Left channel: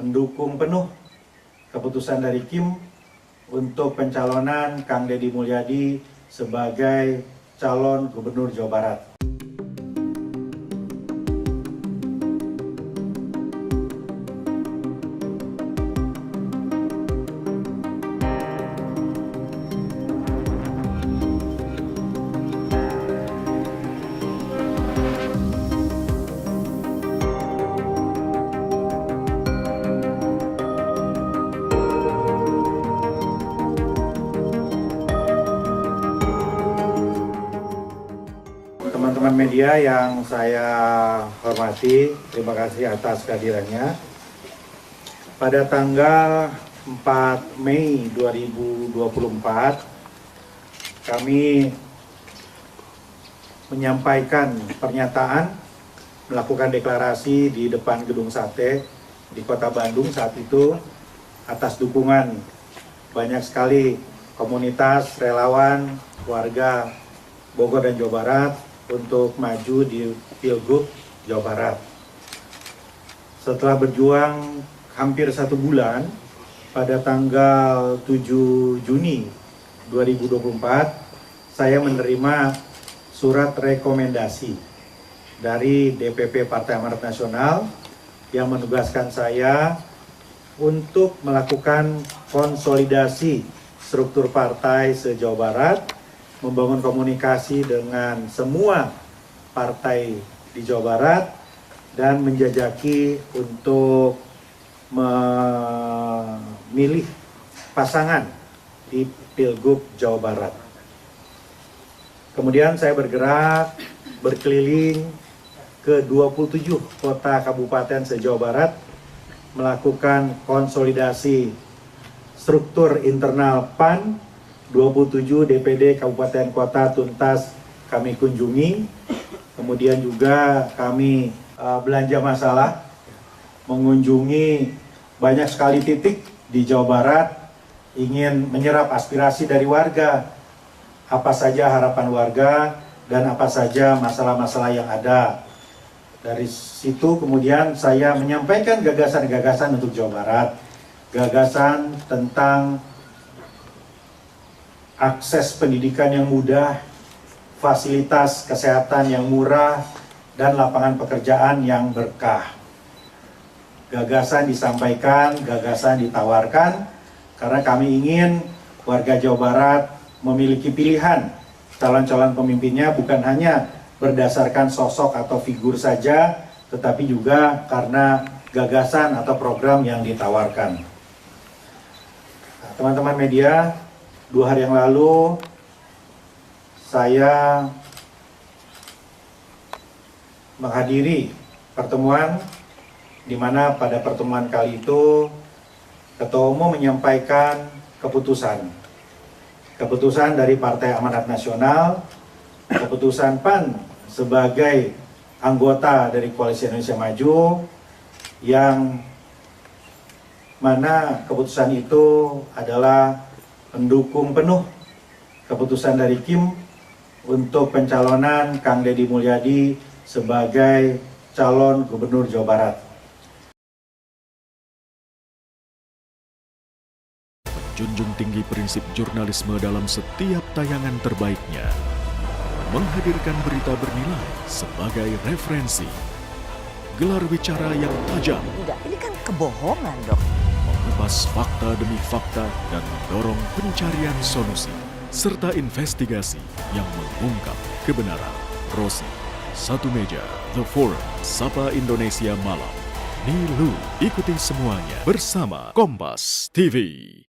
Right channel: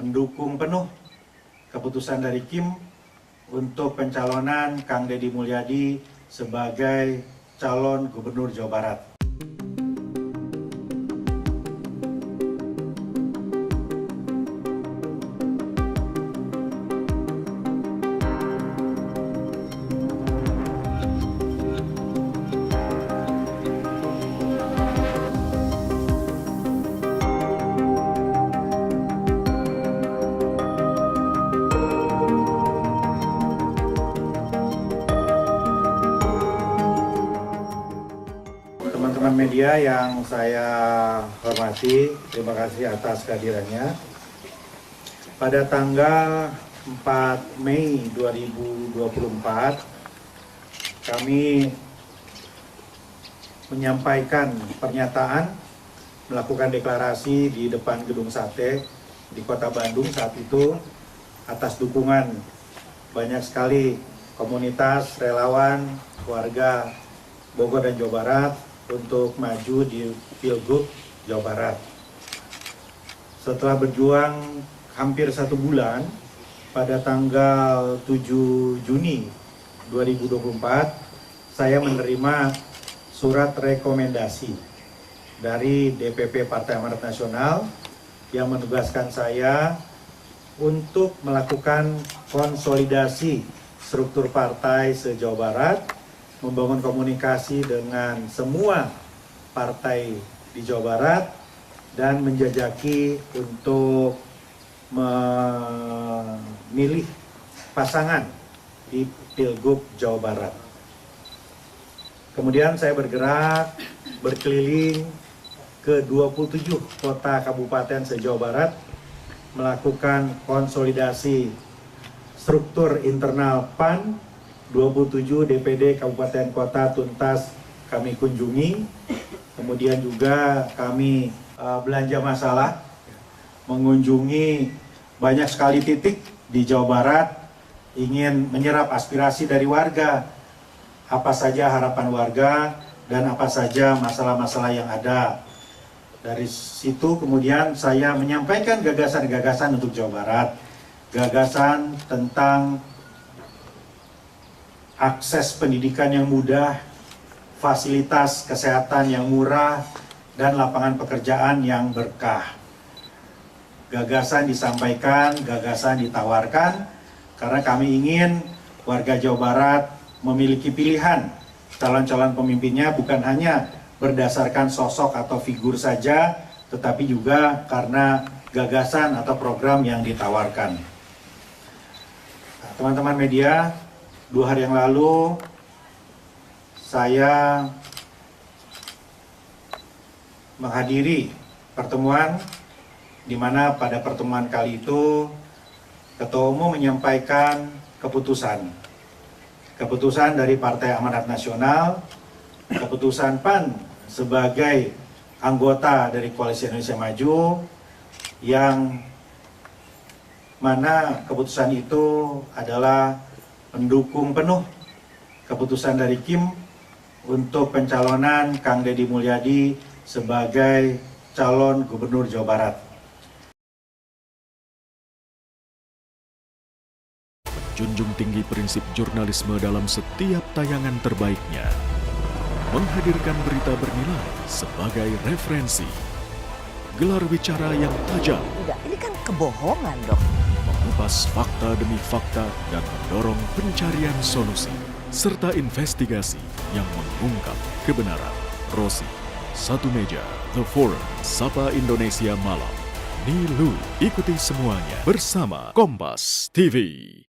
mendukung penuh keputusan dari Kim untuk pencalonan Kang Deddy Mulyadi sebagai calon Gubernur Jawa Barat. Teman-teman media yang saya hormati, terima kasih atas kehadirannya. Pada tanggal 4 Mei 2024, kami menyampaikan pernyataan, melakukan deklarasi di depan Gedung Sate di Kota Bandung saat itu atas dukungan banyak sekali komunitas, relawan, warga Bogor dan Jawa Barat untuk maju di Pilgub Jawa Barat. Setelah berjuang hampir 1 bulan, pada tanggal 7 Juni 2024, saya menerima surat rekomendasi dari DPP Partai Amanat Nasional yang menugaskan saya untuk melakukan konsolidasi struktur partai se-Jawa Barat, membangun komunikasi dengan semua partai di Jawa Barat, dan menjajaki untuk memilih pasangan di Pilgub Jawa Barat. Kemudian saya bergerak berkeliling ke 27 kota kabupaten se-Jawa Barat, melakukan konsolidasi struktur internal PAN. 27 DPD Kabupaten Kota tuntas kami kunjungi. Kemudian juga kami belanja masalah, mengunjungi banyak sekali titik di Jawa Barat, ingin menyerap aspirasi dari warga, apa saja harapan warga dan apa saja masalah-masalah yang ada. Dari situ kemudian saya menyampaikan gagasan-gagasan untuk Jawa Barat, gagasan tentang akses pendidikan yang mudah, fasilitas kesehatan yang murah, dan lapangan pekerjaan yang berkah. Gagasan disampaikan, gagasan ditawarkan, karena kami ingin warga Jawa Barat memiliki pilihan calon-calon pemimpinnya bukan hanya berdasarkan sosok atau figur saja, tetapi juga karena gagasan atau program yang ditawarkan. Nah, teman-teman media, 2 hari yang lalu saya menghadiri pertemuan di mana pada pertemuan kali itu Ketua Umum menyampaikan keputusan dari Partai Amanat Nasional, keputusan PAN sebagai anggota dari Koalisi Indonesia Maju, yang mana keputusan itu adalah mendukung penuh keputusan dari Kim untuk pencalonan Kang Deddy Mulyadi sebagai calon Gubernur Jawa Barat. Menjunjung tinggi prinsip jurnalisme dalam setiap tayangan terbaiknya, menghadirkan berita bernilai sebagai referensi, gelar bicara yang tajam. Tidak, ini kan kebohongan dong. Mengupas fakta demi fakta dan mendorong pencarian solusi, serta investigasi yang mengungkap kebenaran. Rosi, Satu Meja, The Forum, Sapa Indonesia Malam. Nilu, ikuti semuanya bersama Kompas TV.